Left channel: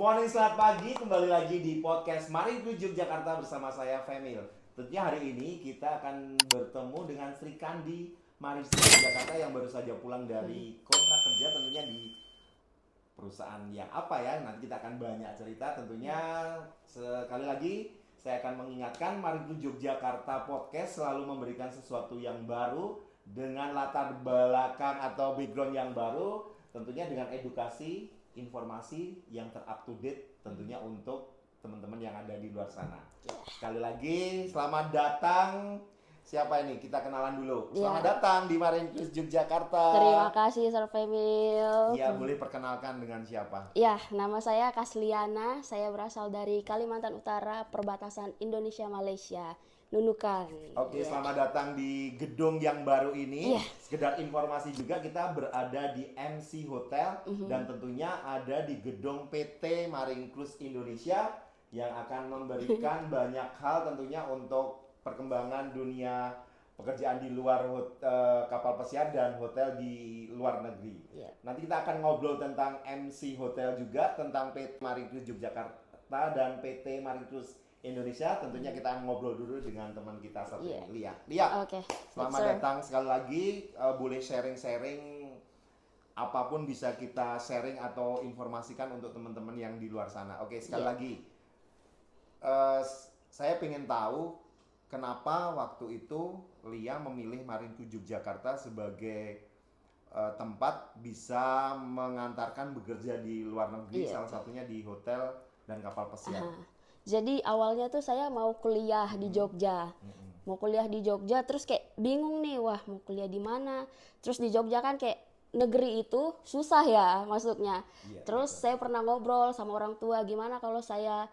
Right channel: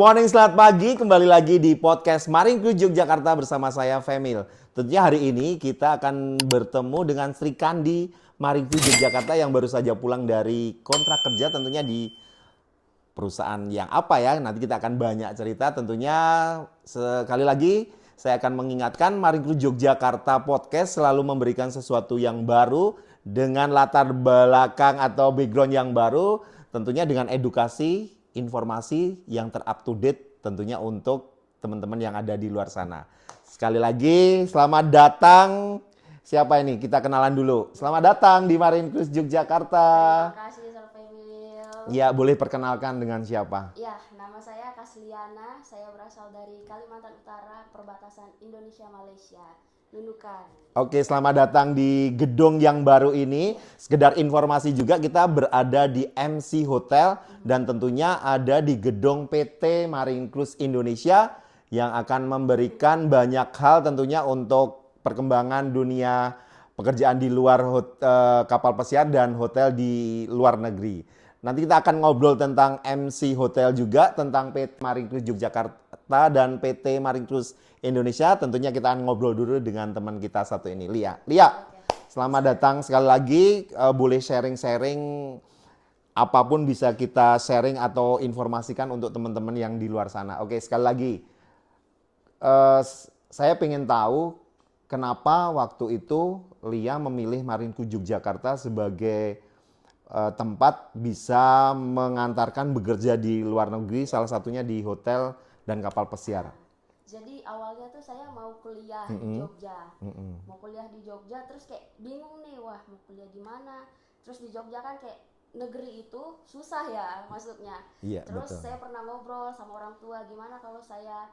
morning, selamat pagi. Kembali lagi di podcast Maringkru Yogyakarta bersama saya Femil. Tentunya hari ini kita akan bertemu dengan Sri Kandi Maringkru Yogyakarta yang baru saja pulang dari kontrak kerja tentunya di perusahaan yang apa ya. Nanti kita akan banyak cerita tentunya. Sekali lagi saya akan mengingatkan Maringkru Yogyakarta Podcast selalu memberikan sesuatu yang baru dengan latar belakang atau background yang baru, tentunya dengan edukasi informasi yang ter-up to date tentunya untuk teman-teman yang ada di luar sana. Sekali lagi, selamat datang. Siapa ini? Kita kenalan dulu. Selamat datang di Maringkru Yogyakarta. Terima kasih, Sir Femil. Ya, boleh perkenalkan dengan siapa? Ya, nama saya Kasliana. Saya berasal dari Kalimantan Utara, perbatasan Indonesia-Malaysia. Nunukan. Oke, selamat datang di gedung yang baru ini. Sekedar informasi juga, kita berada di MC Hotel dan tentunya ada di gedung PT Maringkru Indonesia yang akan memberikan banyak hal tentunya untuk perkembangan dunia pekerjaan di luar kapal pesiar dan hotel di luar negeri. Nanti kita akan ngobrol tentang MC Hotel juga, tentang PT Maringkru Yogyakarta dan PT Maringkru Indonesia. Tentunya kita akan ngobrol dulu dengan teman kita satu ini, Lia. Lia, selamat datang sekali lagi. Boleh sharing-sharing apapun bisa kita sharing atau informasikan untuk teman-teman yang di luar sana. Oke, sekali lagi. Saya pengen tahu kenapa waktu itu Lia memilih Maringkru Yogyakarta sebagai tempat bisa mengantarkan bekerja di luar negeri, salah satunya di hotel dan kapal pesiar. Jadi awalnya tuh saya mau kuliah di Jogja. Mau kuliah di Jogja, terus kayak bingung nih, wah mau kuliah di mana? Terus di Jogja kan kayak negeri itu susah ya masuknya. Iya, Terus betul. saya pernah ngobrol sama orang tua, gimana kalau saya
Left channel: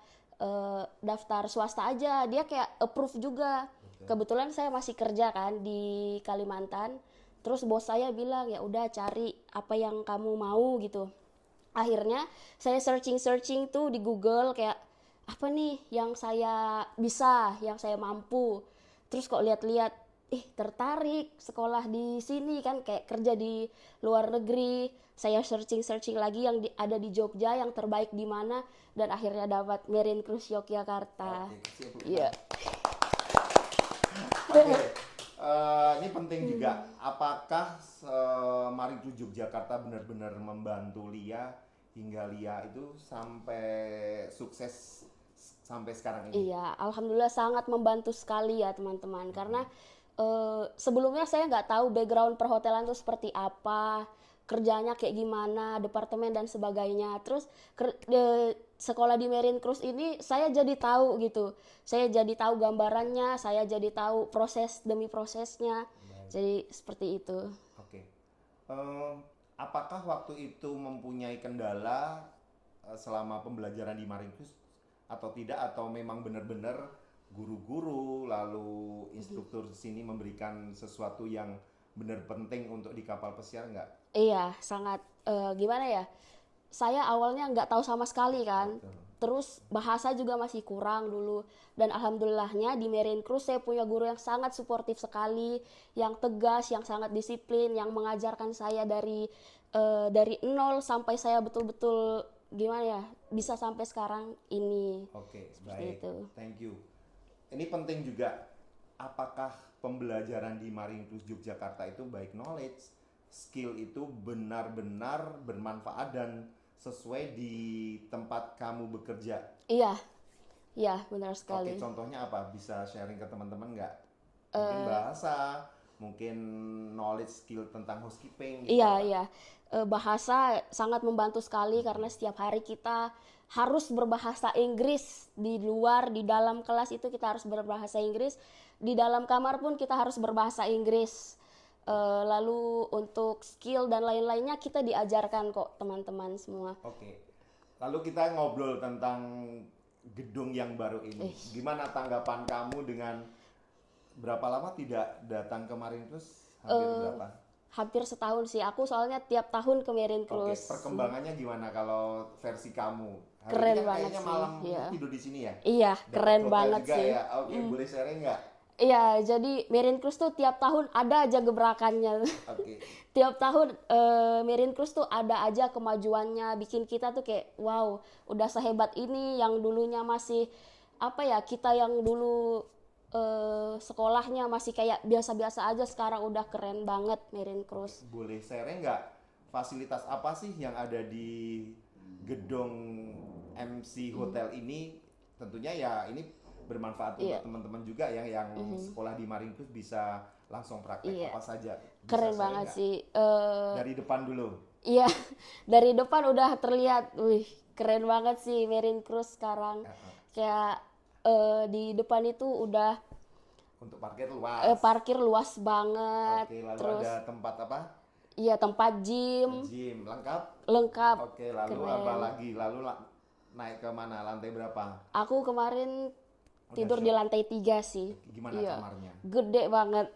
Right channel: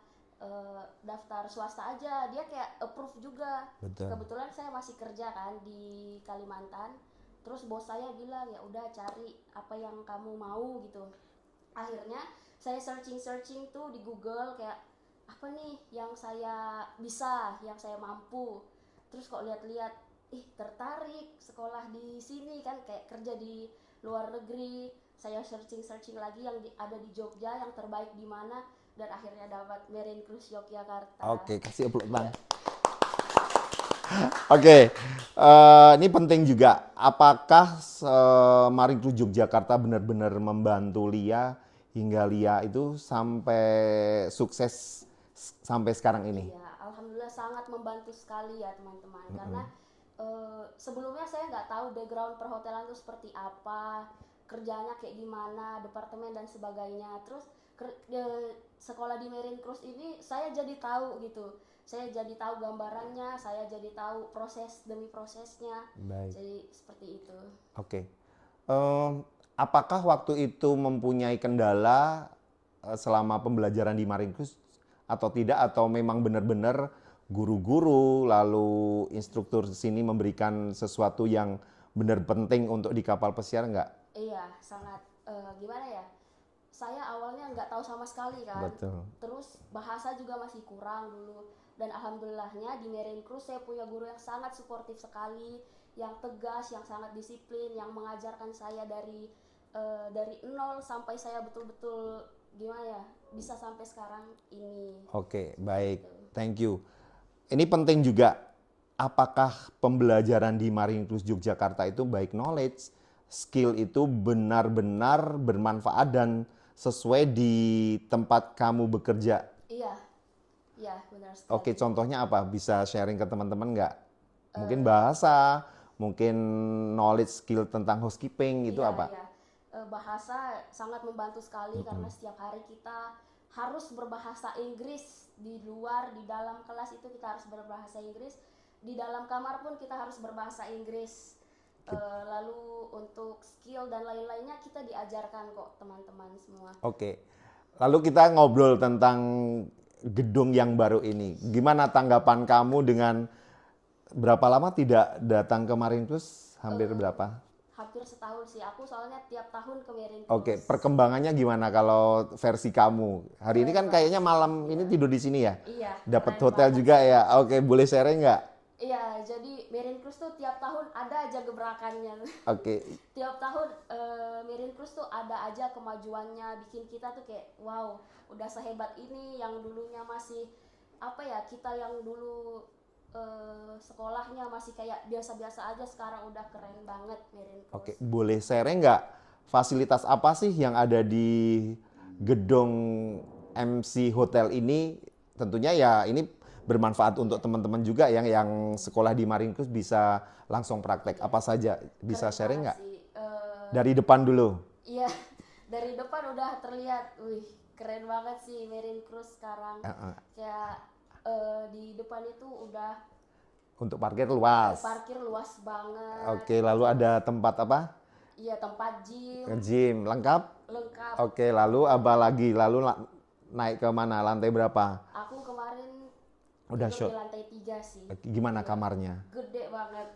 daftar swasta aja, dia kayak approve juga. Betul. Kebetulan saya masih kerja kan di Kalimantan. Terus bos saya bilang, ya udah cari apa yang kamu mau gitu. Akhirnya saya searching tuh di Google kayak apa nih yang saya bisa, yang saya mampu. Terus kok lihat-lihat, tertarik sekolah di sini kan, kayak kerja di luar negeri. Saya searching lagi yang ada di Jogja, yang terbaik di mana, dan akhirnya dapat Maringkru Yogyakarta. Oke, kasih aplaus. Iya. Oke, ini penting juga. Apakah Maringkru Yogyakarta benar-benar membantu Lia hingga Lia itu sampai sukses sampai sekarang ini? Iya, alhamdulillah sangat membantu sekali ya teman-teman. Karena sebelumnya saya nggak tahu background perhotelan itu seperti apa, kerjanya kayak gimana, departemen dan sebagainya. Terus sekolah di Maringkru ini saya jadi tahu gitu. Saya jadi tahu gambarannya, saya jadi tahu proses demi prosesnya. Baik. Jadi seperti itu. Oke. Apakah waktu itu mempunyai kendala selama pembelajaran di Maringkru atau tidak, atau memang benar-benar guru-guru lalu instruktur di sini memberikan sesuatu yang benar penting untuk di kapal pesiar enggak? Iya, sangat gimana ya? Saya awalnya nggak tahu sama sekali kan. Betul. Terus bahasa juga masih kurang dulu. Dan alhamdulillahnya di Maringkru saya punya guru yang sangat suportif sekali, yang tegas, yang sangat disiplin, yang mengajarkan saya dari nol sampai saya betul-betul gimana ya, bisa sampai sekarang ini. Oke, baik. Gitu. Thank you. Ini penting juga. Apakah pembelajaran di Maringkru Yogyakarta itu baik knowledge, skill itu benar-benar bermanfaat dan sesuai di tempat kamu bekerja? Iya, benar sekali. Oke, contohnya apa? Bisa sharing ke teman-teman nggak? Mungkin bahasa, mungkin knowledge skill tentang housekeeping itu apa? Iya. Bahasa sangat membantu sekali karena setiap hari kita harus berbahasa Inggris. Di luar, di dalam kelas itu kita harus berbahasa Inggris. Di dalam kamar pun kita harus berbahasa Inggris. Lalu untuk skill dan lain-lainnya kita diajarkan kok teman-teman semua. Oke. Lalu kita ngobrol tentang gedung yang baru ini. Gimana tanggapan kamu dengan berapa lama tidak datang ke Maringkru? Hampir berapa? Hampir setahun sih. Aku soalnya tiap tahun ke Maringkru. Oke, perkembangannya gimana kalau versi kamu? Hari ini Keren kan kayaknya banget sih, malam iya. ini tidur di sini ya? Iya, Dapat keren hotel banget juga sih. ya? Oke, boleh sharing nggak? Iya, jadi Marine Cruise tuh tiap tahun ada aja gebrakannya. Oke. Tiap tahun Marine Cruise tuh ada aja kemajuannya, bikin kita tuh kayak wow, udah sehebat ini. Yang dulunya masih apa ya, kita yang dulu sekolahnya masih kayak biasa-biasa aja, sekarang udah keren banget Marine Oke, Cruise. boleh sharing nggak fasilitas apa sih yang ada di gedung MC Hotel ini? Tentunya ya ini bermanfaat untuk teman-teman juga yang sekolah di Marine Cruise bisa langsung praktek. Iya. Apa saja? Bisa Keren sharing banget nggak? sih. Dari depan dulu. Iya, dari depan udah terlihat, wih, keren banget sih Marine Cruise sekarang. Kayak di depan itu udah Untuk parkir luas. parkir luas banget. Oke, lalu Terus, ada tempat apa? iya, tempat gym Gym, lengkap? lengkap. Oke, lalu apa lagi? Lalu naik ke mana? Lantai berapa? Aku kemarin Udah tidur show. di lantai 3 sih. Gimana Iya. kamarnya? Gede banget.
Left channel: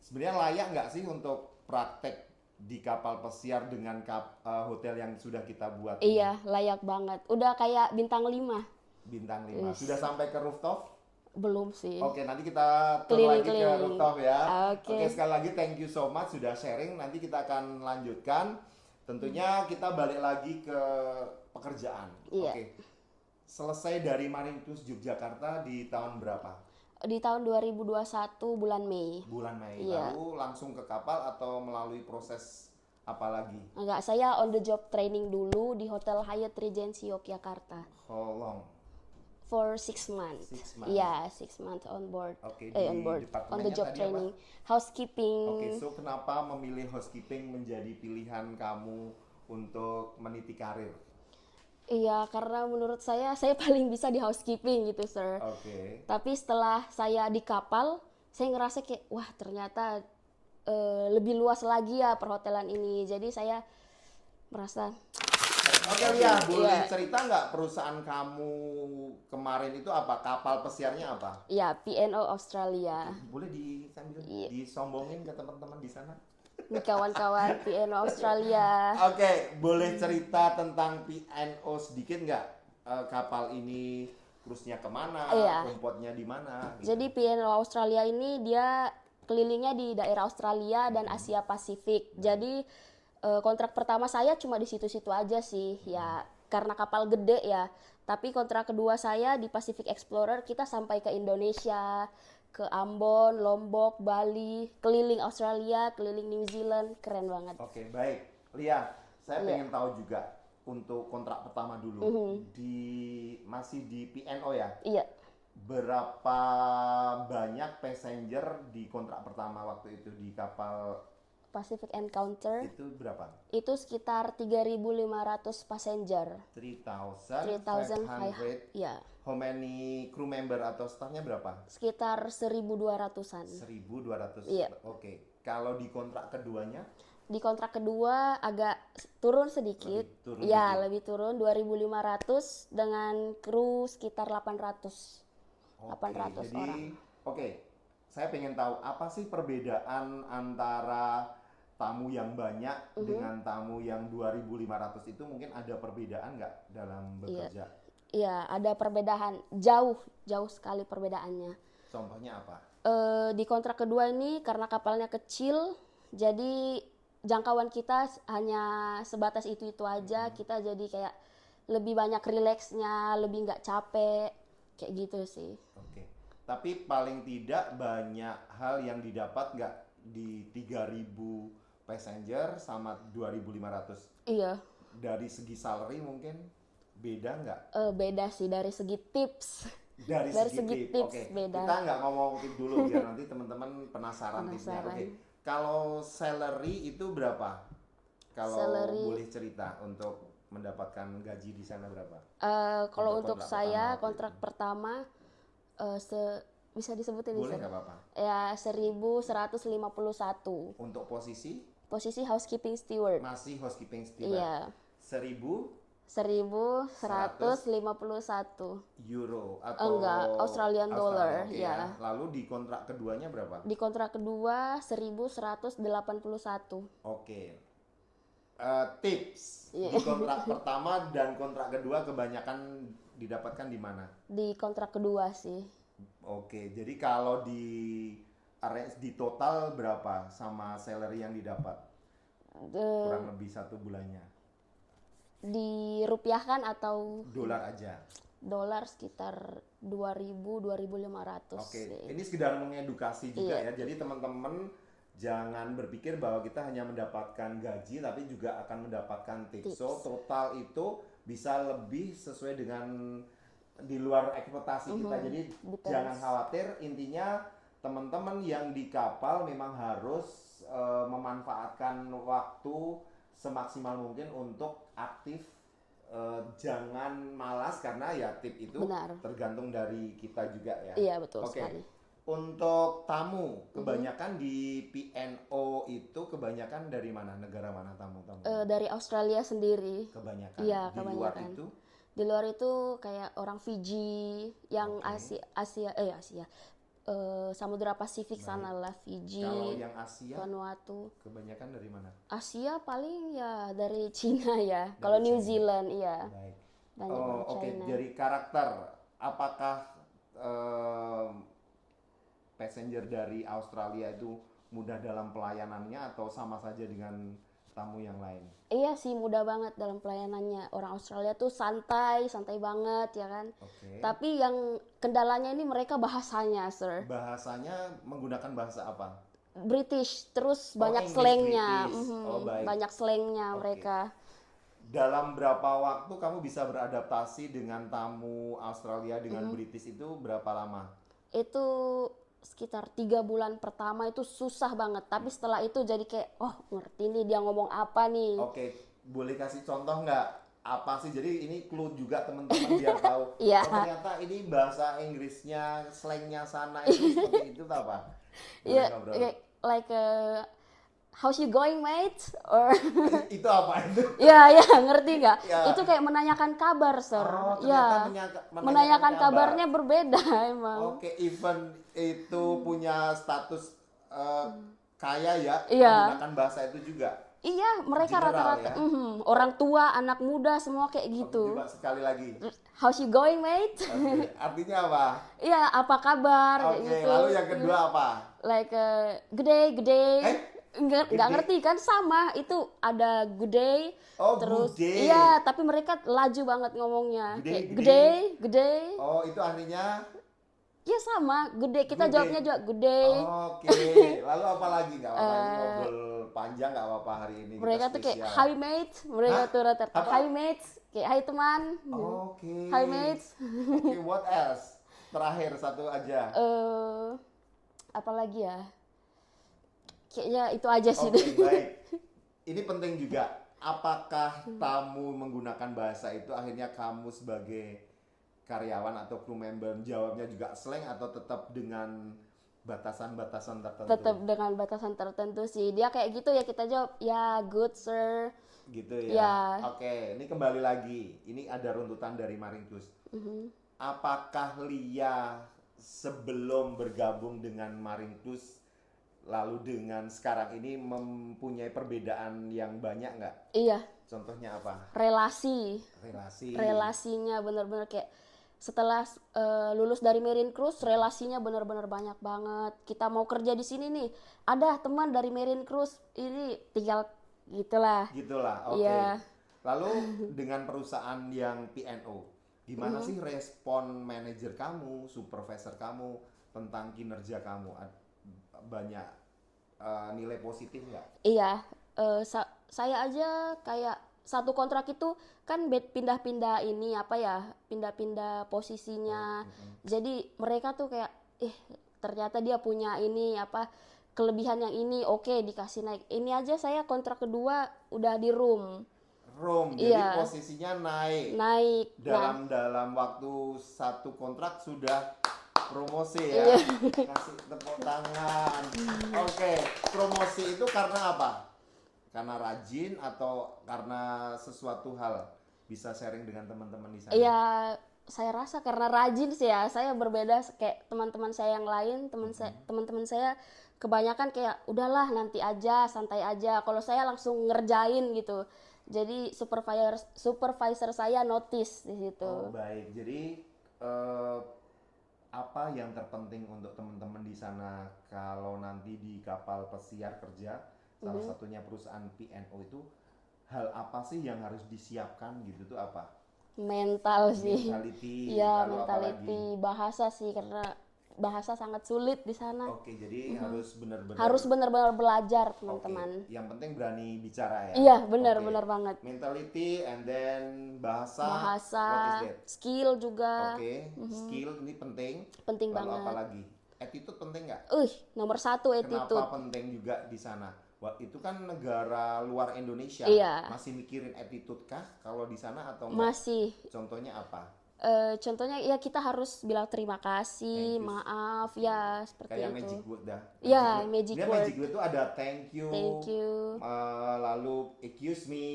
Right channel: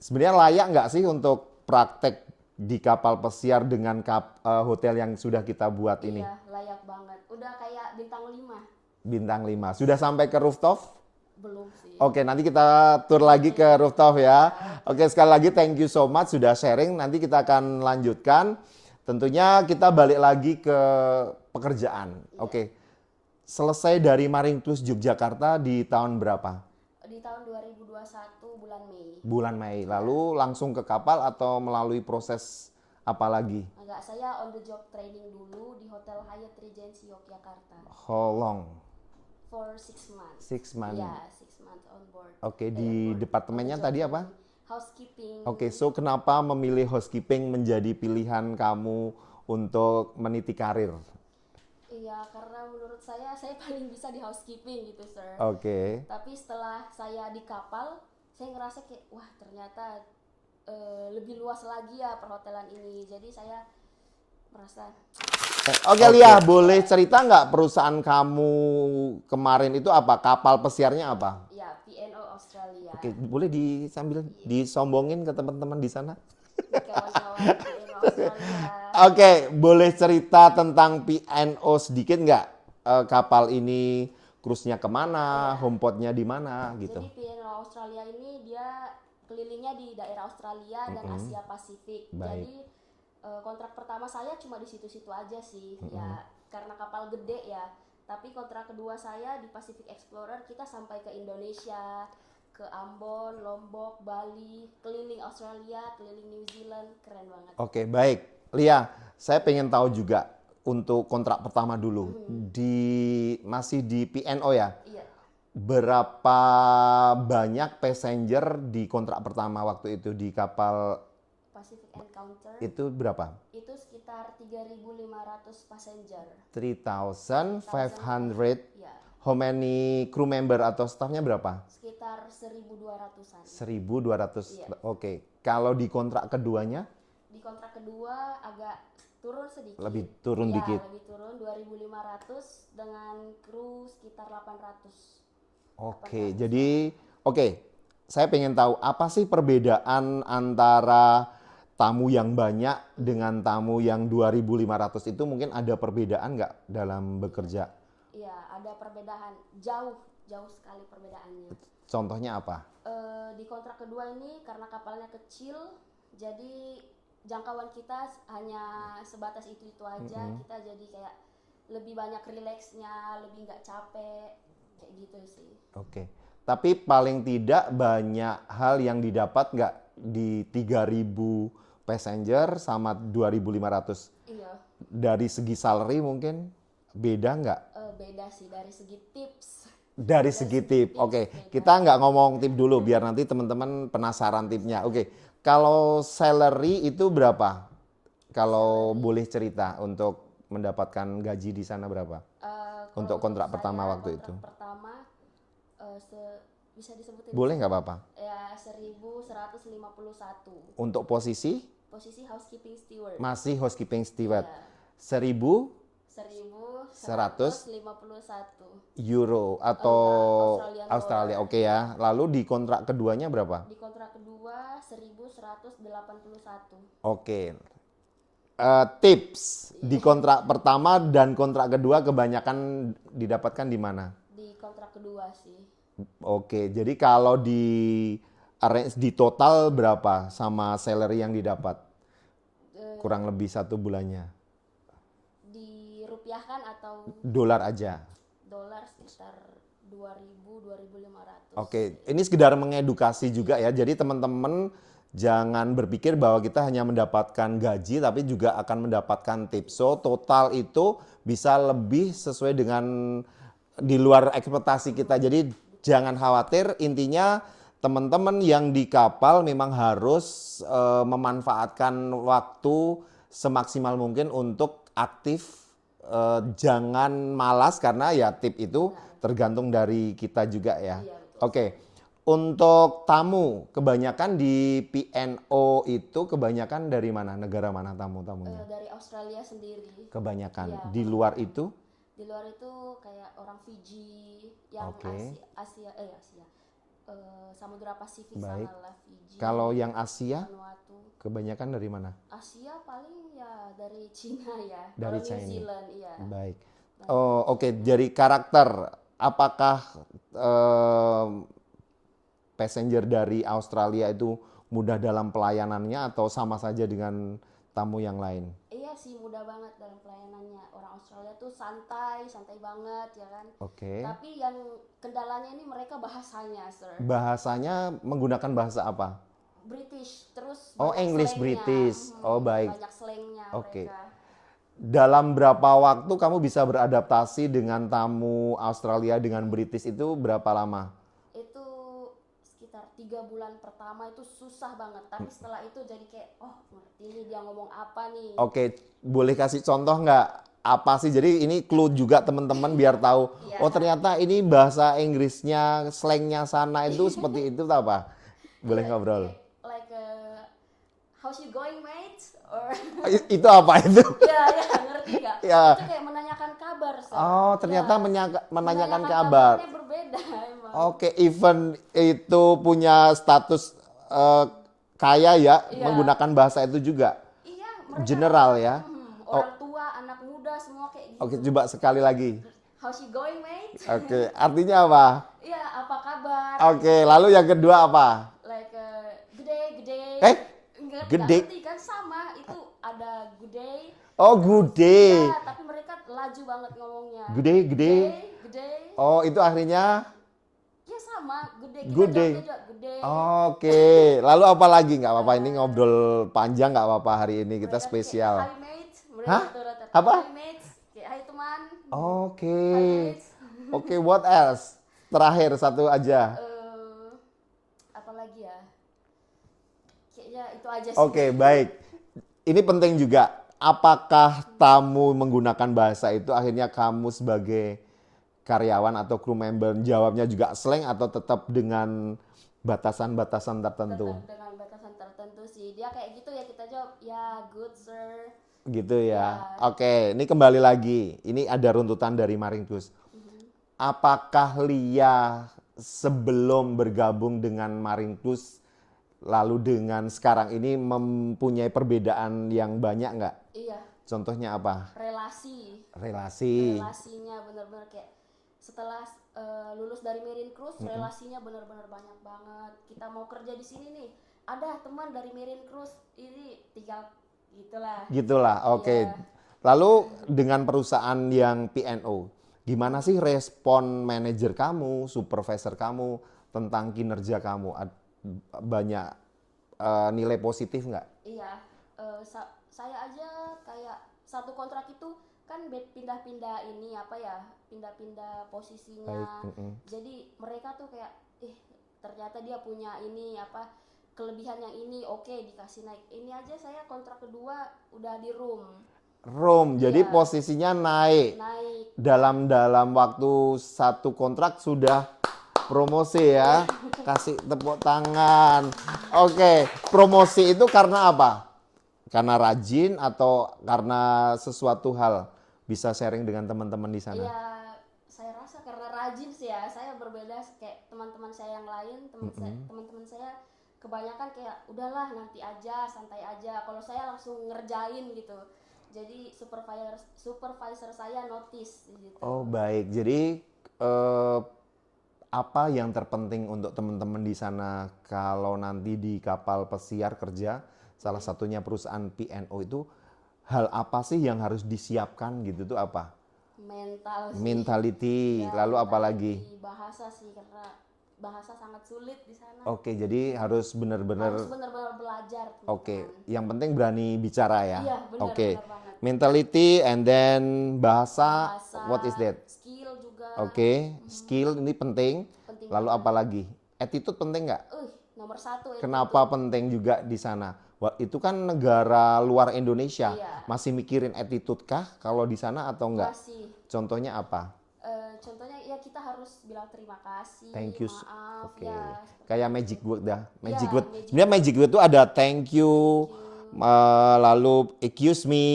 Sebenarnya layak nggak sih untuk praktek di kapal pesiar dengan hotel yang sudah kita buat ini? Iya, layak banget. Udah kayak bintang 5. Bintang 5. Sudah sampai ke rooftop? Belum sih. Oke, nanti kita tur lagi ke rooftop ya. Oke, Oke. sekali lagi thank you so much sudah sharing. Nanti kita akan lanjutkan. Tentunya kita balik lagi ke pekerjaan. Iya. Oke. Selesai dari Marine Cruise Yogyakarta di tahun berapa? Di tahun 2021 bulan Mei. Bulan Mei. Iya. Lalu langsung ke kapal atau melalui proses apa lagi? Enggak, saya on the job training dulu di Hotel Hyatt Regency Yogyakarta How long? for 6 months. 6 months. Iya, 6 months on board. Oke, On di board. departemennya On the job tadi apa? training. Housekeeping. Oke, so kenapa memilih housekeeping menjadi pilihan kamu untuk meniti karir? Iya, karena menurut saya paling bisa di housekeeping gitu, sir. Oke. Tapi setelah saya di kapal, saya ngerasa kayak, wah ternyata lebih luas lagi ya perhotelan ini. Jadi saya merasa, Oke, Lia, boleh cerita nggak perusahaan kamu kemarin itu apa? Kapal pesiarnya apa? ya P&O Australia. Oke, boleh sambil disombongin ke teman-teman di sana? Di kawan-kawan P&O Australia. Oke, boleh cerita tentang P&O sedikit nggak? Kapal ini cruise-nya kemana, Iya. homeport-nya di mana gitu? Jadi P&O Australia ini dia kelilingnya di daerah Australia dan Asia Pasifik. Jadi kontrak pertama saya cuma di situ-situ aja sih, ya karena kapal gede ya. Tapi kontrak kedua saya di Pacific Explorer kita sampai ke Indonesia, ke Ambon, Lombok, Bali, keliling Australia, keliling New Zealand, keren banget. Oke, baik. Lia, saya pengen tahu juga untuk kontrak pertama dulu. Masih di P&O ya? Iya, Berapa banyak passenger di kontrak pertama waktu itu di kapal Pacific Encounter itu berapa? itu sekitar 3.500 passenger. 3,500. Ya, How many crew member atau staffnya berapa? sekitar 1.200-an. 1.200. Iya. Oke. Kalau di kontrak keduanya? Di kontrak kedua agak turun sedikit. Lebih turun ya, dikit. lebih turun 2.500 dengan kru sekitar 800. Oke, 800 jadi saya pengen tahu apa sih perbedaan antara tamu yang banyak dengan tamu yang 2.500 itu mungkin ada perbedaan nggak dalam bekerja? Iya, ada perbedaan jauh sekali perbedaannya. Contohnya apa? Di kontrak kedua ini karena kapalnya kecil, jadi jangkauan kita hanya sebatas itu aja. Kita jadi kayak lebih banyak rileksnya, lebih nggak capek, kayak gitu sih. Oke. Tapi paling tidak banyak hal yang didapat nggak di 3.000 passenger sama 2.500? Iya. Dari segi salary mungkin beda nggak? Beda sih dari segi tips. Dari segi tip, tips oke. beda. Kita nggak ngomong tip dulu biar nanti teman-teman penasaran tipnya. Oke, kalau salary itu berapa? Kalau boleh cerita untuk mendapatkan gaji di sana berapa? Kalau Untuk kontrak saya, pertama waktu kontrak itu. pertama bisa disebutin? Boleh nggak apa-apa? Ya 1.151. Untuk posisi Posisi housekeeping steward. masih housekeeping steward. Iya. 1.000 1.151. euro atau Enggak, Australian Australia. dollar, Oke ya. Lalu di kontrak keduanya berapa? Di kontrak kedua 1.181. Oke. Tips Iya. di kontrak pertama dan kontrak kedua kebanyakan didapatkan di mana? Di kontrak kedua sih. Oke, jadi kalau di arrange di total berapa sama salary yang didapat? Eh, Kurang lebih 1 bulannya. Dirupiahkan atau Dolar aja. dolar sekitar 2.000 2.500 Oke, sih. ini sekedar mengedukasi juga Iya. ya. Jadi teman-teman jangan berpikir bahwa kita hanya mendapatkan gaji tapi juga akan mendapatkan tips. So total itu bisa lebih sesuai dengan di luar ekspektasi kita. Jadi jangan khawatir, intinya teman-teman yang di kapal memang harus memanfaatkan waktu semaksimal mungkin untuk aktif. Jangan malas karena ya tip itu Benar. tergantung dari kita juga ya. Iya, betul Oke. sekali. Untuk tamu, kebanyakan di PNO itu kebanyakan dari mana? Negara mana tamu-tamunya? Dari Australia sendiri. Kebanyakan. Iya, Di luar kebanyakan. itu? Di luar itu kayak orang Fiji, yang Oke. Asia, Samudra Pasifik Baik. sana lah, Fiji, Kalau yang Asia, Vanuatu. kebanyakan dari mana? Asia paling ya dari Cina ya. Dari Kalau New China. Zealand iya. Baik. Banyak Oh, dari oke. China. Dari karakter, apakah passenger dari Australia itu mudah dalam pelayanannya atau sama saja dengan tamu yang lain? Iya sih, mudah banget dalam pelayanannya. Orang Australia tuh santai, santai banget ya kan. Oke. Tapi yang kendalanya ini mereka bahasanya, sir. Bahasanya menggunakan bahasa apa? British, terus Oh, banyak English slangnya. British. Oh, baik. Banyak slangnya Oke. mereka. Dalam berapa waktu kamu bisa beradaptasi dengan tamu Australia dengan British itu berapa lama? Itu sekitar 3 bulan pertama itu susah banget. Tapi setelah itu jadi kayak, oh ngerti nih dia ngomong apa nih. Oke, boleh kasih contoh nggak? Apa sih? Jadi ini clue juga teman-teman biar tahu. Iya. Oh ternyata ini bahasa Inggrisnya, slangnya sana itu seperti itu tak apa? Boleh Iya, ngobrol. iya, like how's you going mate? Or Itu apa itu? ya ngerti nggak? Ya. Itu kayak menanyakan kabar, sir. Oh ternyata Ya, menanyakan kabar. kabarnya berbeda emang. Oke, event itu punya status kaya ya, Iya. menggunakan bahasa itu juga. Iya, mereka General rata-rata, ya? orang tua, anak muda semua kayak gitu. Oke, coba sekali lagi. How's you going mate? Oke, artinya apa? Iya, apa kabar? Oke, Gitu. lalu yang kedua apa? Like gede. Nggak Gede? ngerti kan, sama itu ada gede. Oh, gude. Iya, tapi mereka laju banget ngomongnya. Gede, Kayak gede. Oh, itu akhirnya Iya sama, gede. Kita Gude. jawabnya juga gede. oke. Lalu apa lagi? Nggak apa-apa, ini ngobrol panjang nggak apa-apa hari ini, kita Mereka tuh spesial. kayak, hi mate. Mereka Hah? tuh rata-rata, Apa? hi mate. Kayak, hai teman. Oke. Hi mates. Oke, what else? Terakhir satu aja. Apa lagi ya? Kayaknya itu aja sih. Oke, baik. Ini penting juga. Apakah tamu menggunakan bahasa itu akhirnya kamu sebagai karyawan atau crew member jawabnya juga slang atau tetap dengan batasan-batasan tertentu? Tetap dengan batasan tertentu sih. Dia kayak gitu ya kita jawab, ya good sir. Gitu ya. Ya. Oke, ini kembali lagi. Ini ada runtutan dari Marine Cruise. Apakah Lia sebelum bergabung dengan Marine Cruise lalu dengan sekarang ini mempunyai perbedaan yang banyak nggak? Iya, Contohnya apa? relasi. Relasi. Relasinya bener-bener kayak setelah lulus dari Marine Cruise, relasinya bener-bener banyak banget. Kita mau kerja di sini nih, ada teman dari Marine Cruise, ini tinggal gitulah. Gitulah, oke. Iya. Lalu dengan perusahaan yang PNO, gimana sih respon manajer kamu, supervisor kamu tentang kinerja kamu? Banyak nilai positif nggak? Iya, saya aja kayak satu kontrak itu kan pindah-pindah ini apa ya, pindah-pindah posisinya. Jadi mereka tuh kayak, ternyata dia punya ini apa kelebihan yang ini, oke dikasih naik. Ini aja saya kontrak kedua udah di room Jadi Iya. posisinya naik. naik. Dalam waktu satu kontrak sudah promosi ya. Kasih tepuk tangan. Oke, promosi itu karena apa? Karena rajin atau karena sesuatu hal? Bisa sharing dengan teman-teman di sana. Iya, saya rasa karena rajin sih ya. Saya berbeda kayak teman-teman saya yang lain, teman-teman saya kebanyakan kayak udahlah nanti aja, santai aja. Kalau saya langsung ngerjain gitu. Jadi supervisor saya notice di situ. Oh baik, jadi apa yang terpenting untuk teman-teman di sana kalau nanti di kapal pesiar kerja, salah satunya perusahaan P&O itu, hal apa sih yang harus disiapkan gitu tuh apa? Mental sih. Mentality, Ya, lalu apa lagi? mentality, bahasa sih, karena bahasa sangat sulit di sana. Oke, jadi harus benar-benar. Harus benar-benar belajar, Oke, teman-teman. yang penting berani bicara ya. Iya, benar, Oke. benar banget. Mentality and then bahasa, Bahasa, what is that? skill juga. Oke, skill ini penting. Penting Lalu banget. apa lagi? Attitude penting nggak? Nomor 1 attitude. Kenapa penting juga di sana? Wah, itu kan negara luar Indonesia. Iya. Masih mikirin attitude kah kalau di sana atau enggak? Masih. Contohnya apa? Contohnya ya kita harus bilang terima kasih, Thank you. maaf, Oke. ya seperti Kayak itu. magic word dah. Iya, Magic word. magic Sebenarnya word. magic word itu ada thank you, Thank you. lalu excuse me,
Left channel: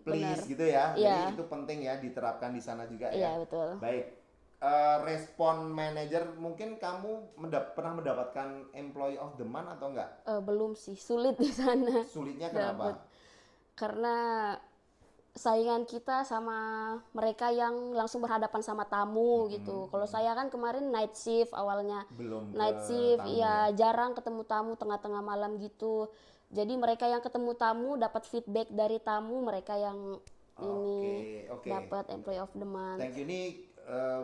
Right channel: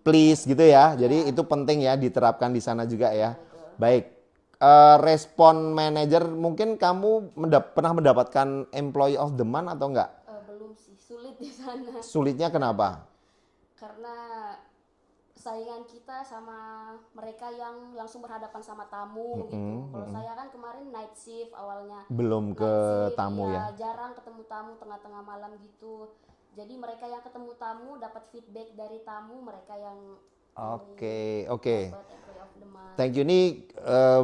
please gitu ya. Iya. Jadi itu penting ya diterapkan di sana juga ya. Iya, betul. Baik. Respon manager, mungkin kamu pernah mendapatkan employee of the month atau enggak? Belum sih, sulit di sana. Sulitnya kenapa? Karena saingan kita sama mereka yang langsung berhadapan sama tamu gitu. Kalau saya kan kemarin night shift awalnya. Belum ke Night shift, tamu ya ya? jarang ketemu tamu tengah-tengah malam gitu. Jadi mereka yang ketemu tamu dapat feedback dari tamu, mereka yang Oke, oke. dapat employee of the month. Thank you, ini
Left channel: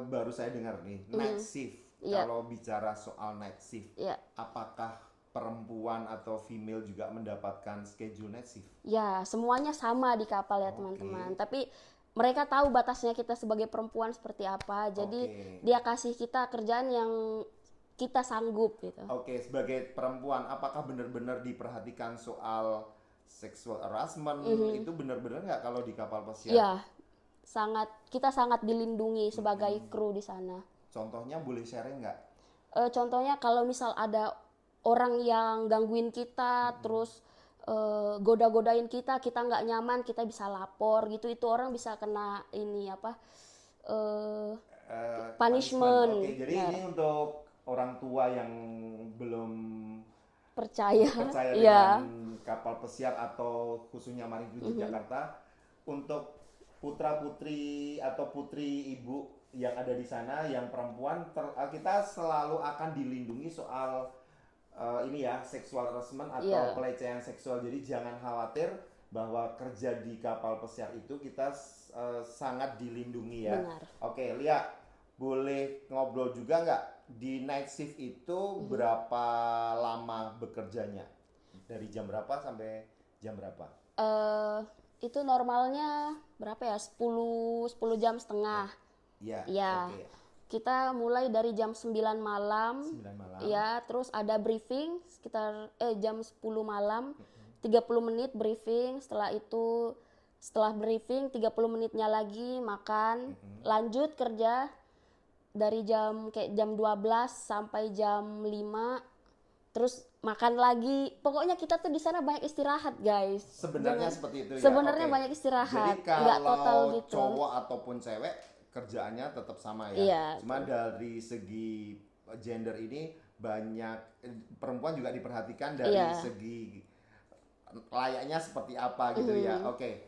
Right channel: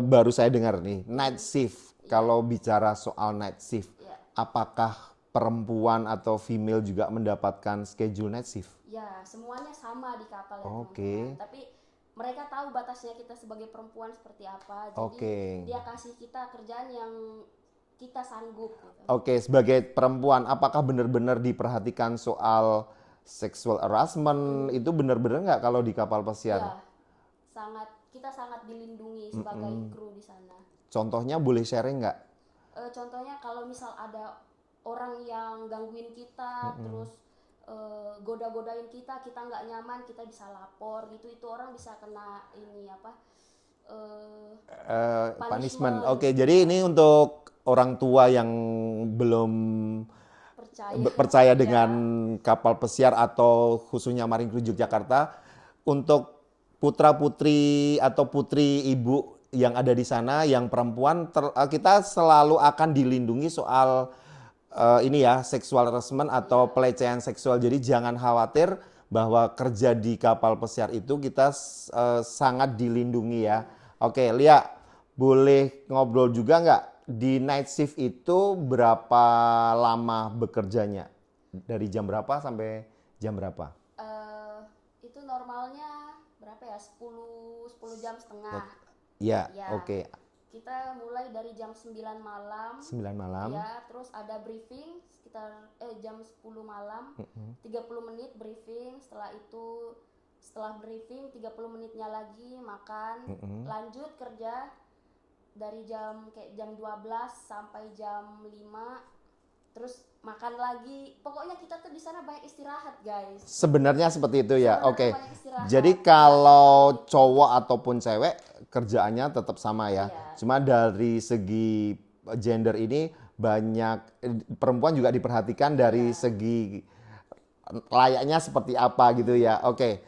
baru saya dengar nih, night shift. Kalau bicara soal night shift, Iya. apakah perempuan atau female juga mendapatkan schedule night shift? Ya, semuanya sama di kapal ya, Oke. teman-teman. Tapi mereka tahu batasnya kita sebagai perempuan seperti apa. Jadi Oke. dia kasih kita kerjaan yang kita sanggup gitu. Oke, sebagai perempuan, apakah benar-benar diperhatikan soal sexual harassment? Itu benar-benar nggak kalau di kapal pesiar? Ya, kita sangat dilindungi sebagai kru di sana. Contohnya boleh sharing nggak? Contohnya kalau misal ada orang yang gangguin kita, terus goda-godain kita nggak nyaman, kita bisa lapor gitu. Itu orang bisa kena ini apa? Punishment. Oke, jadi ini untuk orang tua yang belum percaya Iya. dengan kapal pesiar atau khususnya Marine Cruise Yogyakarta, untuk putra-putri atau putri ibu yang ada di sana yang perempuan, kita selalu akan dilindungi soal ini ya, sexual harassment atau pelecehan seksual. Jadi jangan khawatir bahwa kerja di kapal pesiar itu kita sangat dilindungi ya. Oke, Lia, boleh ngobrol juga nggak? Di night shift itu berapa lama bekerjanya? Dari jam berapa sampai jam berapa? Itu normalnya berapa ya? 10 jam setengah. Ya, Ya. oke. Kita mulai dari jam 9 malam. 9 malam. Ya, terus ada briefing sekitar jam 10 malam. 30 menit briefing, setelah briefing 30 menitnya lagi makan, lanjut kerja dari jam 12 sampai jam 5, terus makan lagi. Pokoknya kita tuh di sana banyak istirahat, guys. Sebenarnya seperti itu ya. Sebenarnya Oke. banyak istirahat. Jadi Nggak kalau total gitu. cowok ataupun cewek kerjaannya tetap sama ya. Iya. Cuma dari segi gender ini banyak perempuan juga diperhatikan dari Iya. segi layaknya seperti apa gitu ya. Oke.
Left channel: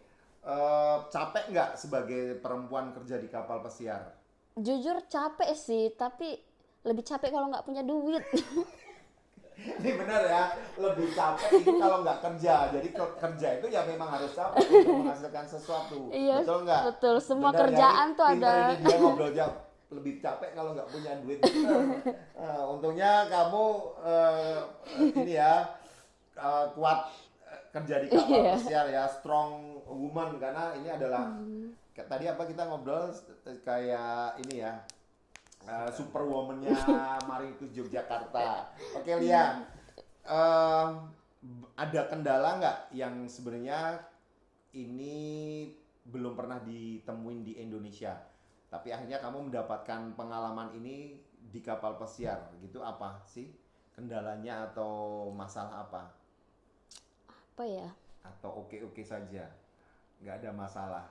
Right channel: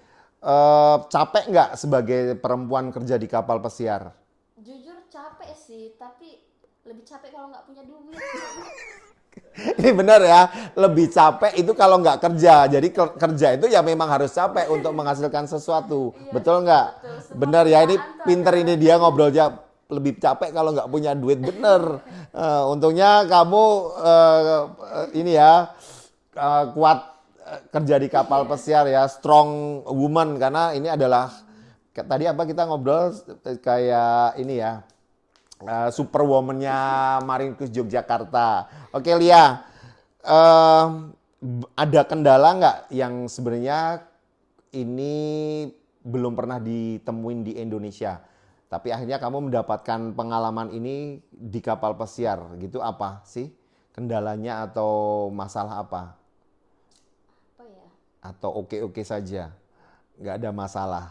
Capek nggak sebagai perempuan kerja di kapal pesiar? Jujur capek sih, tapi lebih capek kalau nggak punya duit. Ini benar ya, lebih capek itu kalau nggak kerja. Jadi kerja itu ya memang harus capek untuk menghasilkan sesuatu. Iya, Betul nggak? betul. Semua Benar ya, ini kerjaan tuh pinter ada. ini dia ngobrolnya. Lebih capek kalau nggak punya duit, bener. Untungnya kamu ini ya kuat kerja di kapal pesiar ya, strong woman, karena ini adalah tadi apa kita ngobrol kayak ini ya. Superwoman-nya Marine Cruise Yogyakarta. Oke, Lia, ada kendala nggak yang sebenarnya ini belum pernah ditemuin di Indonesia, tapi akhirnya kamu mendapatkan pengalaman ini di kapal pesiar gitu? Apa sih kendalanya atau masalah apa? Apa ya? Atau oke-oke saja, nggak ada masalah?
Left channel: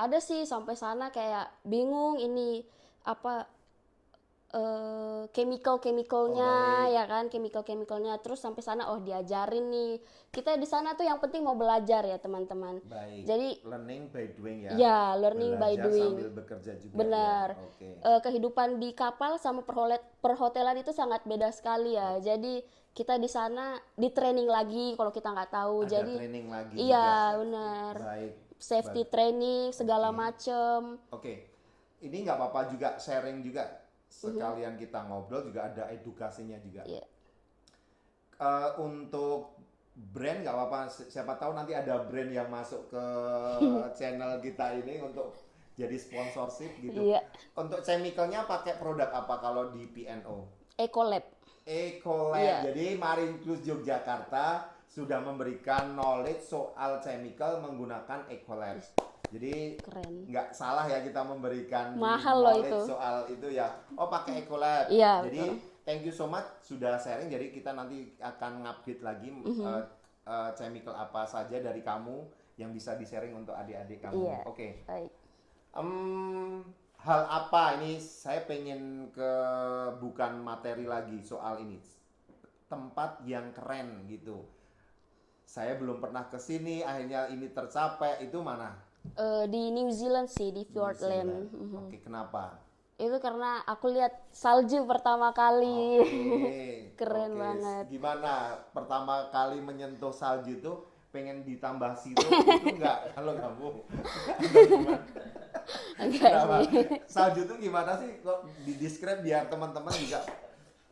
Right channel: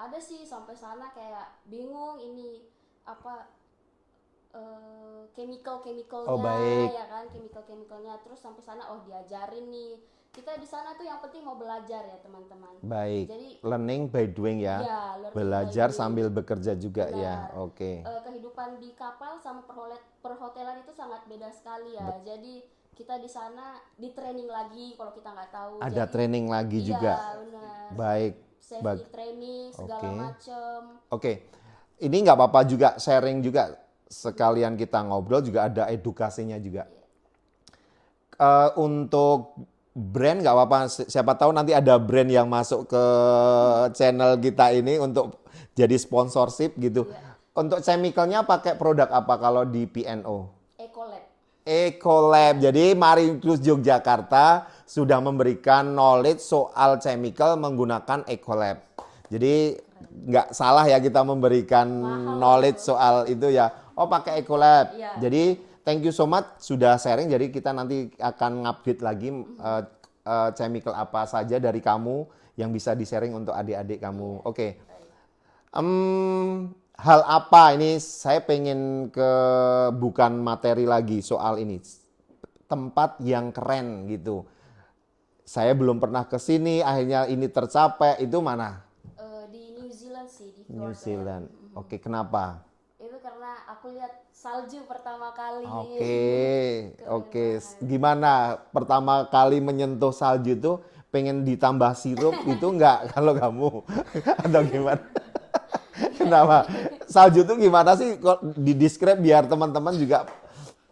Ada sih sampai sana kayak bingung ini apa chemical-chemicalnya, Oh, baik. ya kan, chemical-chemicalnya. Terus sampai sana, oh diajarin nih. Kita di sana tuh yang penting mau belajar ya teman-teman. Baik. Jadi Learning by doing ya. ya learning by Belajar doing. sambil bekerja juga Benar. ya. Oke. Kehidupan di kapal sama perhotelan itu sangat beda sekali ya. Jadi kita di sana di training lagi kalau kita nggak tahu. Ada Jadi training lagi iya juga. benar. Baik. Safety training segala Oke. macem. Oke. Ini nggak apa-apa juga sharing juga. Sekalian kita ngobrol juga ada edukasinya juga. Iya. Untuk brand nggak apa-apa. Siapa tahu nanti ada brand yang masuk ke channel kita ini untuk jadi sponsorship gitu. Iya. Untuk chemicalnya pakai produk apa kalau di PNO? Ecolab. Ecolab. Iya. Jadi Marine Cruise Yogyakarta sudah memberikan knowledge soal chemical menggunakan Ecolab. Jadi Keren. nggak salah ya kita memberikan Mahal knowledge itu. soal itu ya. Oh pakai Ecolab. Iya, Jadi thank you so much sudah sharing. Jadi kita nanti akan ngupdate lagi chemical apa saja dari kamu yang bisa di-sharing untuk adik-adik kamu. Iya. Oke. Baik. Hal apa ini saya pengen ke bukan materi lagi soal ini. Tempat yang keren gitu. Saya belum pernah ke sini, akhirnya ini tercapai. Itu mana? Di New Zealand sih, di New Zealand. Fiordland. Oke, kenapa? Itu karena aku lihat salju pertama kali. Oke, Keren oke. banget. Gimana pertama kali menyentuh salju itu pengen ditambah sirup itu enggak kalau kamu atau gimana? Kenapa? Salju itu gimana sih? Kok di-describe biar teman-teman juga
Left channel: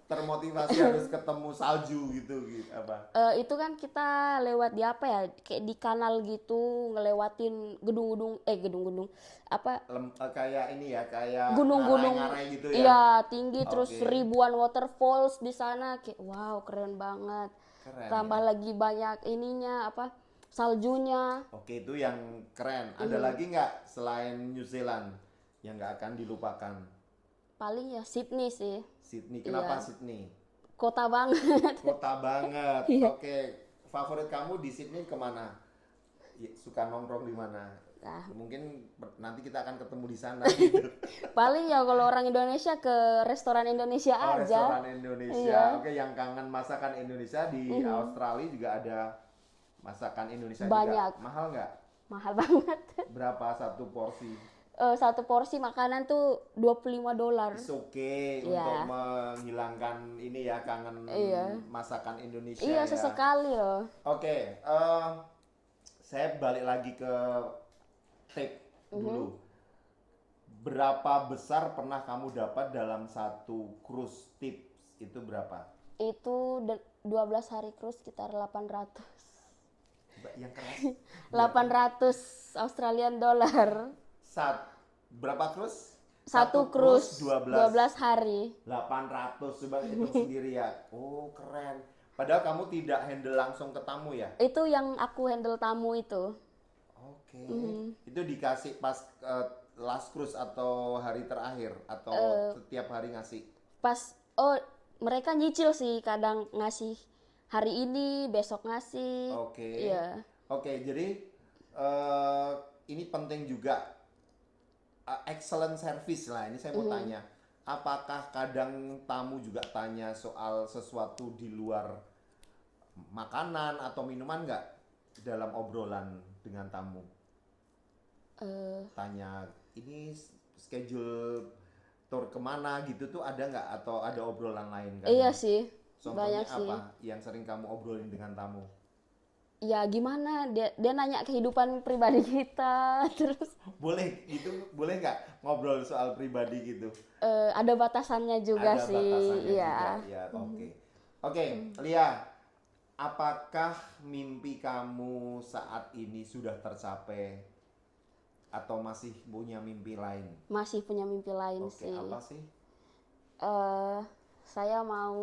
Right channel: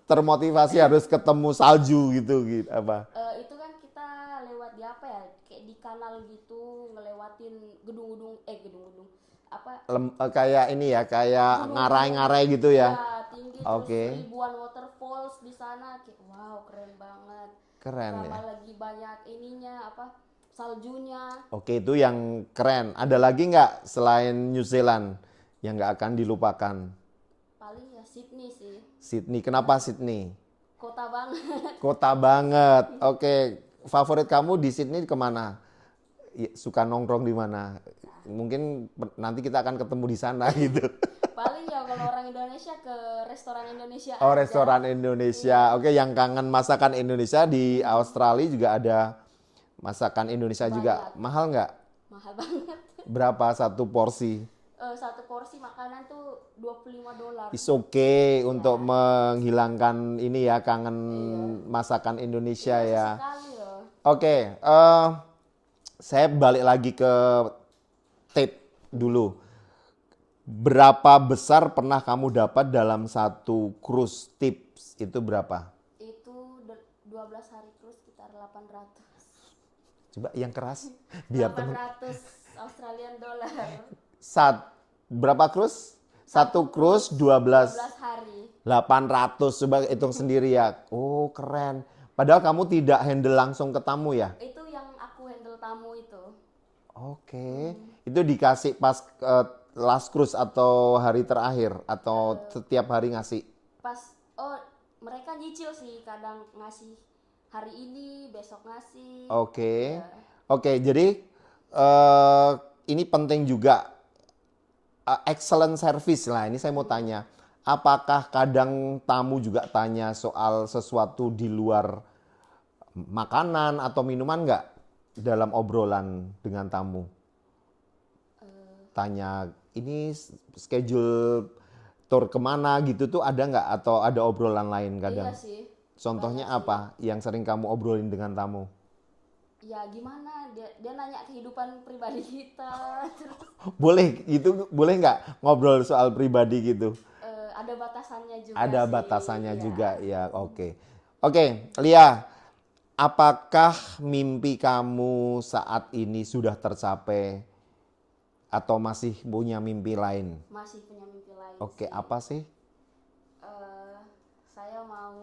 termotivasi harus ketemu salju gitu apa? Itu kan kita lewat di apa ya? Kayak di kanal gitu, ngelewatin gedung-gedung apa? Kayak ini ya, kayak Gunung-gunung. ngarai-ngarai gitu ya. Iya, tinggi terus Oke. ribuan waterfalls di sana. Kayak wow, keren banget. Keren Tambah ya. lagi banyak ininya apa? Saljunya. Oke, itu yang keren. Ada lagi nggak selain New Zealand yang nggak akan dilupakan? Paling ya Sydney sih. Sydney. Kenapa Sydney? Kota banget. Kota banget. Oke, favorit kamu di Sydney kemana? Suka nongkrong di mana? Mungkin nanti kita akan ketemu di sana gitu. Paling ya kalau orang Indonesia ke restoran Indonesia Oh, aja. restoran Indonesia. Oke, yang kangen masakan Indonesia di Australia juga ada masakan Indonesia juga. Banyak. Mahal nggak? Mahal banget. Berapa satu porsi? Satu porsi makanan tuh $25. It's okay Iya. untuk menghilangkan ini ya kangen Iya. masakan Indonesia Iya, ya. sesekali loh. Oke, saya balik lagi ke tape dulu. Berapa besar pernah kamu dapat dalam satu cruise tips? Itu berapa? Itu 12 hari cruise sekitar 800. Coba yang keras. Biar 800 Australian dollar. Berapa cruise? Satu cruise 12 hari. 800. Coba hitung sendiri ya. Oh, keren. Padahal kamu tidak handle langsung ke tamu ya? Itu yang aku handle tamu itu. Oke. Itu dikasih pas last cruise atau hari terakhir atau setiap hari ngasih? Pas mereka nyicil sih, kadang ngasih hari ini, besok ngasih. Oke. Iya. Oke, jadi ini penting juga excellent service lah. Ini saya mau tanya, apakah kadang tamu juga tanya soal sesuatu di luar makanan atau minuman nggak dalam obrolan dengan tamu? Tanya ini schedule tour kemana gitu tuh ada nggak atau ada obrolan lain kadang? Iya sih. Contohnya banyak sih. apa yang sering kamu obrolin dengan tamu? Ya gimana, dia nanya kehidupan pribadi kita. Terus Boleh gitu, boleh nggak ngobrol soal pribadi gitu? ada batasannya juga Ada sih. batasannya Iya. juga, ya. Oke, oke, Lia, apakah mimpi kamu saat ini sudah tercapai atau masih punya mimpi lain? Masih punya mimpi lain Oke, sih. apa sih? Saya mau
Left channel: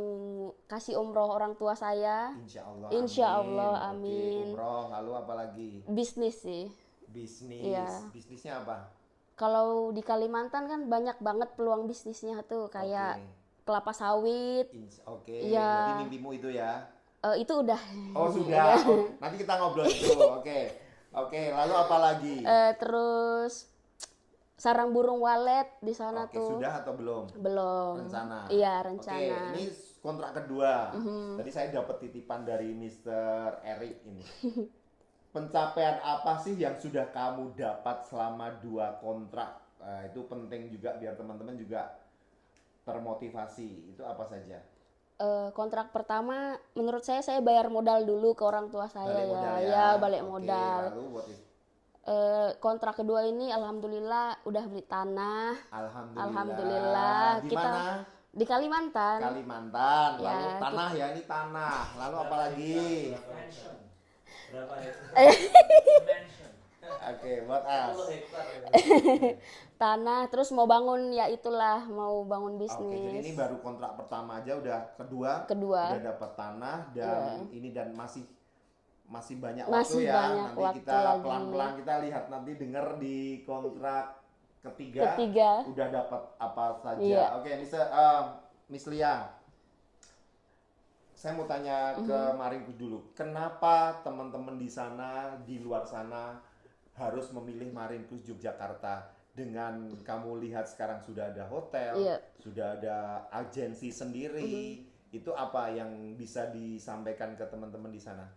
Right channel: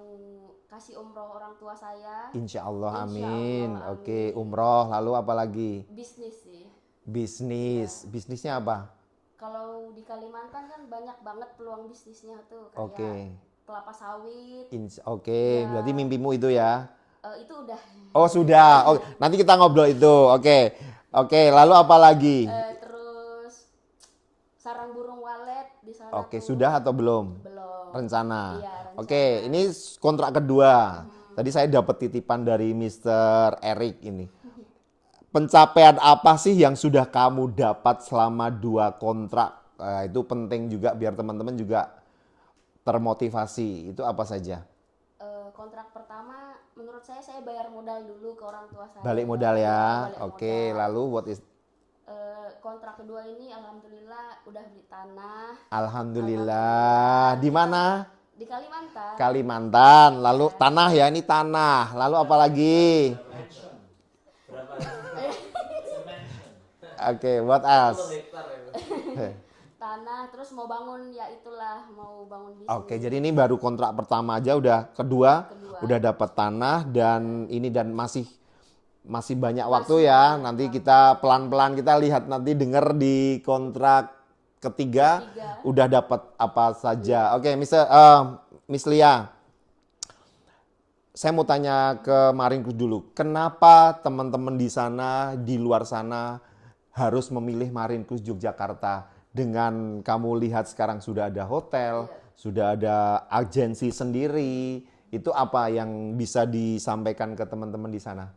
kasih umroh orang tua saya. Insya Allah, Insya amin. Allah, Oke, amin. umroh, lalu apa lagi? Bisnis sih. Bisnis. Iya. Bisnisnya apa? Kalau di Kalimantan kan banyak banget peluang bisnisnya tuh, kayak Oke. kelapa sawit. Oke, Iya. berarti mimpimu itu ya? Itu udah. Oh sudah, oh, nanti kita ngobrol itu. Oke, oke. Lalu apa lagi? Terus sarang burung walet di sana Oke, tuh. sudah atau belum? Belum. Rencana. Iya, rencana. Oke, ini kontrak kedua. Tadi saya dapat titipan dari Mr. Eric ini. Pencapaian apa sih yang sudah kamu dapat selama 2 kontrak? Itu penting juga biar teman-teman juga termotivasi. Itu apa saja? Kontrak pertama menurut saya bayar modal dulu ke orang tua saya. Balik modal ya. Balik Oke, modal. lalu what is Kontrak kedua ini alhamdulillah udah beli tanah. Alhamdulillah. Di Kita- mana? Di Kalimantan. Kalimantan. Lalu Ya, tanah ya, ini tanah. Lalu apa lagi? Oke, what else? Tanah, terus mau bangun ya itulah, mau bangun bisnis. Oke, jadi ini baru kontrak pertama aja udah kedua udah dapat tanah dan ini dan masih banyak waktu ya. banyak Nanti waktu kita lagi. pelan-pelan kita lihat nanti denger di kontrak ketiga udah dapat apa saja. Oke, Miss Lia. Saya mau tanya ke Maringkus dulu. Kenapa teman-teman di sana, di luar sana harus memilih Maringkus Yogyakarta? Dengan kamu lihat sekarang sudah ada hotel, sudah ada agensi sendiri. Itu apa yang bisa disampaikan ke teman-teman di sana?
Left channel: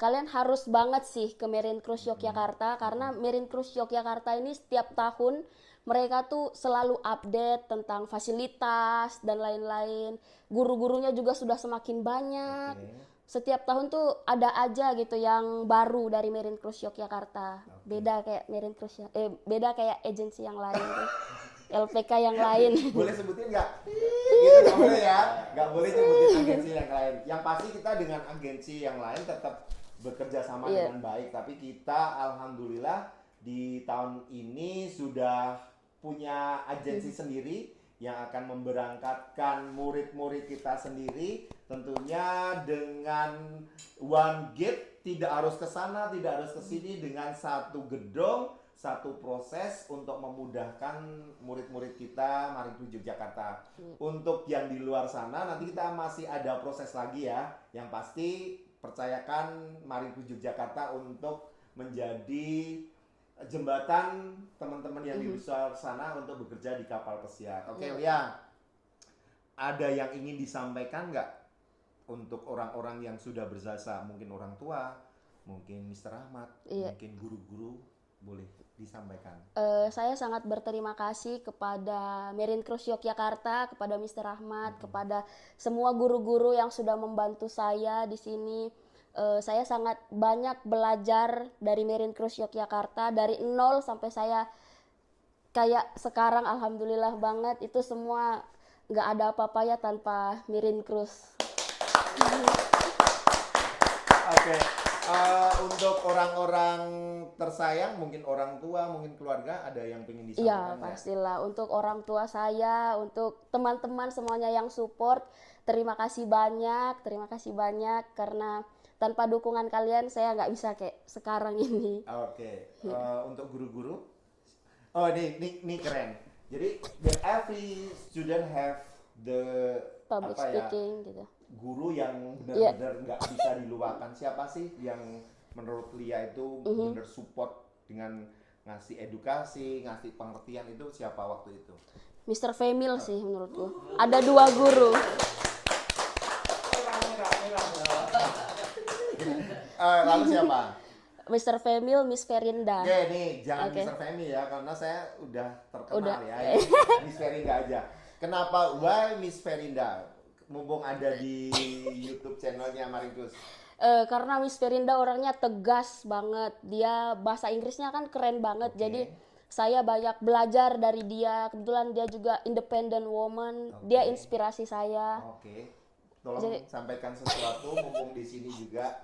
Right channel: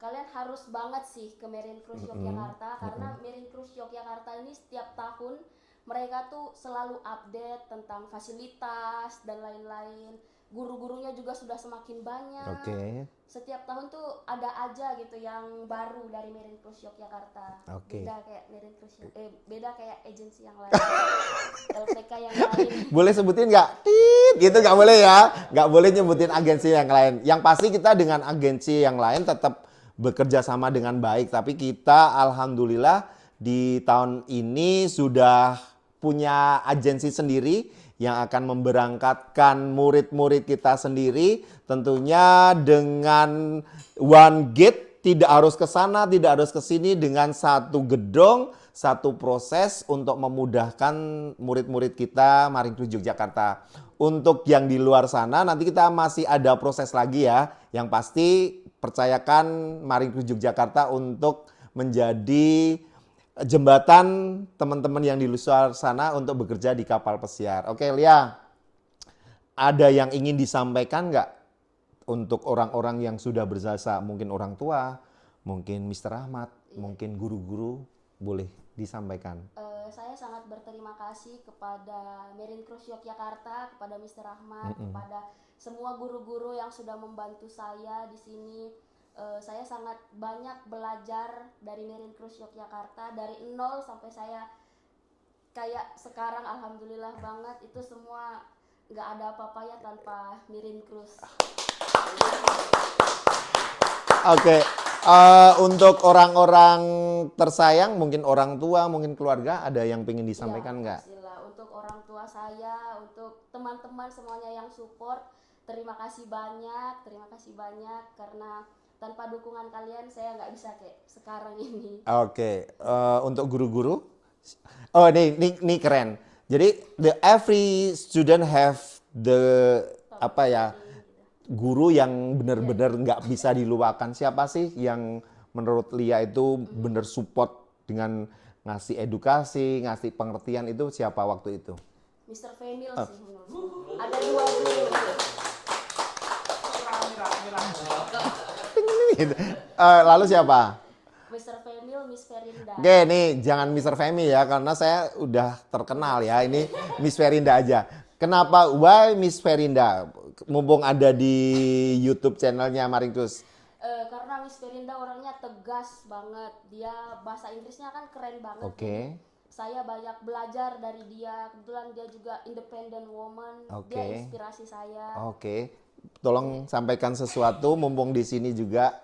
Kalian harus banget sih ke Marine Cruise Yogyakarta karena Marine Cruise Yogyakarta ini setiap tahun mereka tuh selalu update tentang fasilitas dan lain-lain. Guru-gurunya juga sudah semakin banyak. Setiap tahun tuh ada aja gitu yang baru dari Marine Cruise Yogyakarta. Beda kayak Marine Cruise beda kayak agensi yang lain. LPK yang lain. Boleh sebutin nggak? Gitu nggak boleh ya? Nggak boleh nyebutin agensi yang lain. Yang pasti kita dengan agensi yang lain tetap bekerja sama dengan baik. Tapi kita alhamdulillah di tahun ini sudah punya agensi sendiri yang akan memberangkatkan murid-murid kita sendiri. Tentunya dengan one gate, tidak harus ke sana, tidak harus ke sini, dengan satu gedung, satu proses untuk memudahkan murid-murid kita Maringkus Yogyakarta. Untuk yang di luar sana nanti kita masih ada proses lagi ya. Yang pasti percayakan Maringkus Yogyakarta untuk menjadi jembatan teman-teman yang di luar sana untuk bekerja di kapal pesiar. Oke, Lia, ada yang ingin disampaikan nggak untuk orang-orang yang sudah berjasa? Mungkin orang tua, mungkin Mr. Ahmad, mungkin guru-guru, boleh disampaikan. Saya sangat berterima kasih kepada Marine Cruise Yogyakarta, kepada Mr. Ahmad, kepada semua guru-guru yang sudah membantu saya di sini. Saya sangat banyak belajar dari Marine Cruise Yogyakarta dari nol sampai saya kayak sekarang, alhamdulillah banget. Itu semua nggak ada apa-apanya tanpa Marine Cruise. Oke, untuk orang-orang tersayang, mungkin orang tua, mungkin keluarga, ada yang pengen disampaikan nggak? Pastilah. Untuk orang tua saya, untuk teman-teman semuanya yang support, terima kasih banyak karena tanpa dukungan kalian saya nggak bisa kayak sekarang ini. Oke, untuk guru-guru, oh ini keren. Jadi every student have the Public speaking, gitu. guru yang benar-benar nggak bisa dilupakan. Siapa sih yang menurut Lia itu benar support dengan ngasih edukasi, ngasih pengertian, itu siapa waktu itu? Mr. Femil sih menurutku. Ada 2 guru. Lalu siapa? Mr. Femil, Miss Ferinda. Oke, nih jangan Mr. Femi ya, karena saya udah terkenal ya. Ini Miss Ferinda aja. Kenapa? Why Miss Ferinda? Mumpung ada di YouTube channelnya Maringkus. Karena Miss Ferinda orangnya tegas banget. Dia bahasa Inggrisnya kan keren banget. Jadi saya banyak belajar dari dia. Kebetulan dia juga independent woman. Dia inspirasi saya. Tolong sampaikan sesuatu mumpung di sini juga.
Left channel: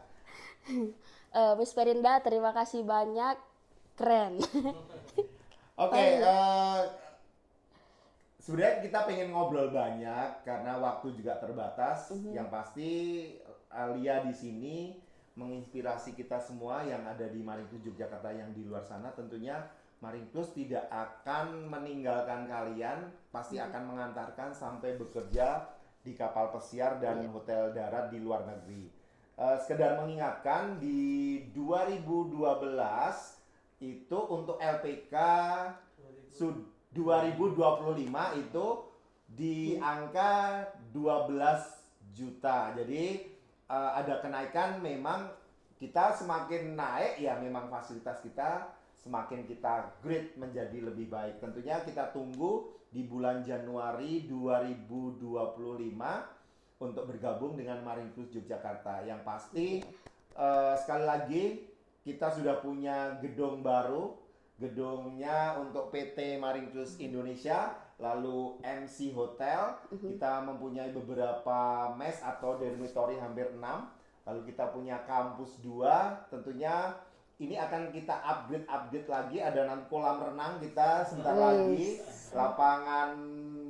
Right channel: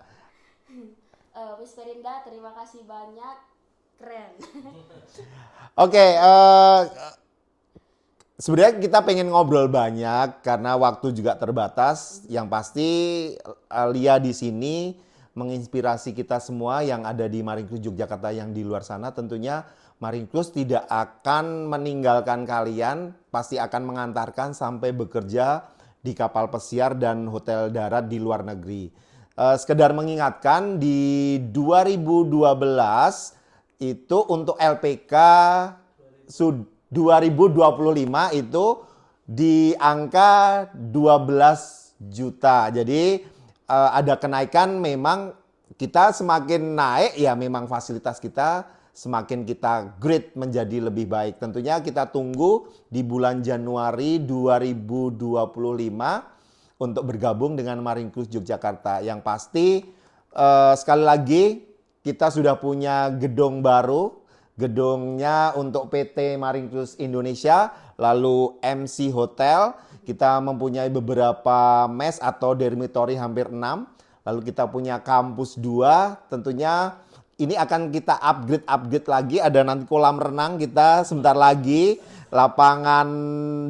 Miss Ferinda, terima kasih banyak. Keren. Sebenarnya kita pengen ngobrol banyak karena waktu juga terbatas. Yang pasti Lia di sini menginspirasi kita semua yang ada di Maringkus Yogyakarta yang di luar sana. Tentunya Maringkus tidak akan meninggalkan kalian, pasti akan mengantarkan sampai bekerja di kapal pesiar dan hotel darat di luar negeri. Sekedar mengingatkan, di 2012 itu untuk LPK 2025 itu di angka 12 juta. Jadi ada kenaikan, memang kita semakin naik ya memang fasilitas kita semakin kita grade menjadi lebih baik. Tentunya kita tunggu di bulan Januari 2025 untuk bergabung dengan Marine Cruise Yogyakarta. Yang pasti sekali lagi kita sudah punya gedung baru. Gedungnya untuk PT Marine Cruise Indonesia, lalu MC Hotel. Kita mempunyai beberapa mes atau dormitory hampir 6. Lalu kita punya kampus 2. Tentunya ini akan kita upgrade lagi. Ada nanti kolam renang kita sebentar lagi, lapangan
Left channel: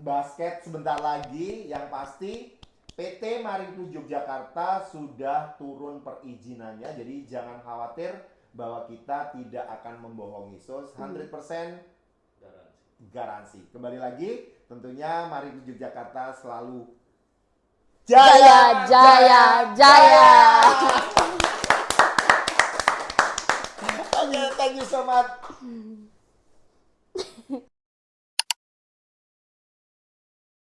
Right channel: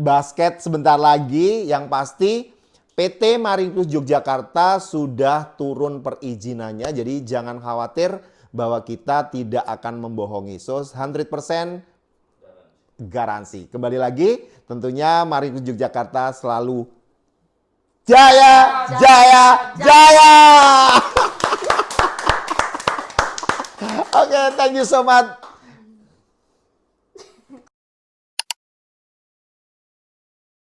basket sebentar lagi. Yang pasti PT Marine Cruise Yogyakarta sudah turun perizinannya. Jadi jangan khawatir bahwa kita tidak akan membohongi. So 100% garansi. Kembali lagi, tentunya Marine Cruise Yogyakarta selalu jaya, jaya, jaya. Oke, thank you so much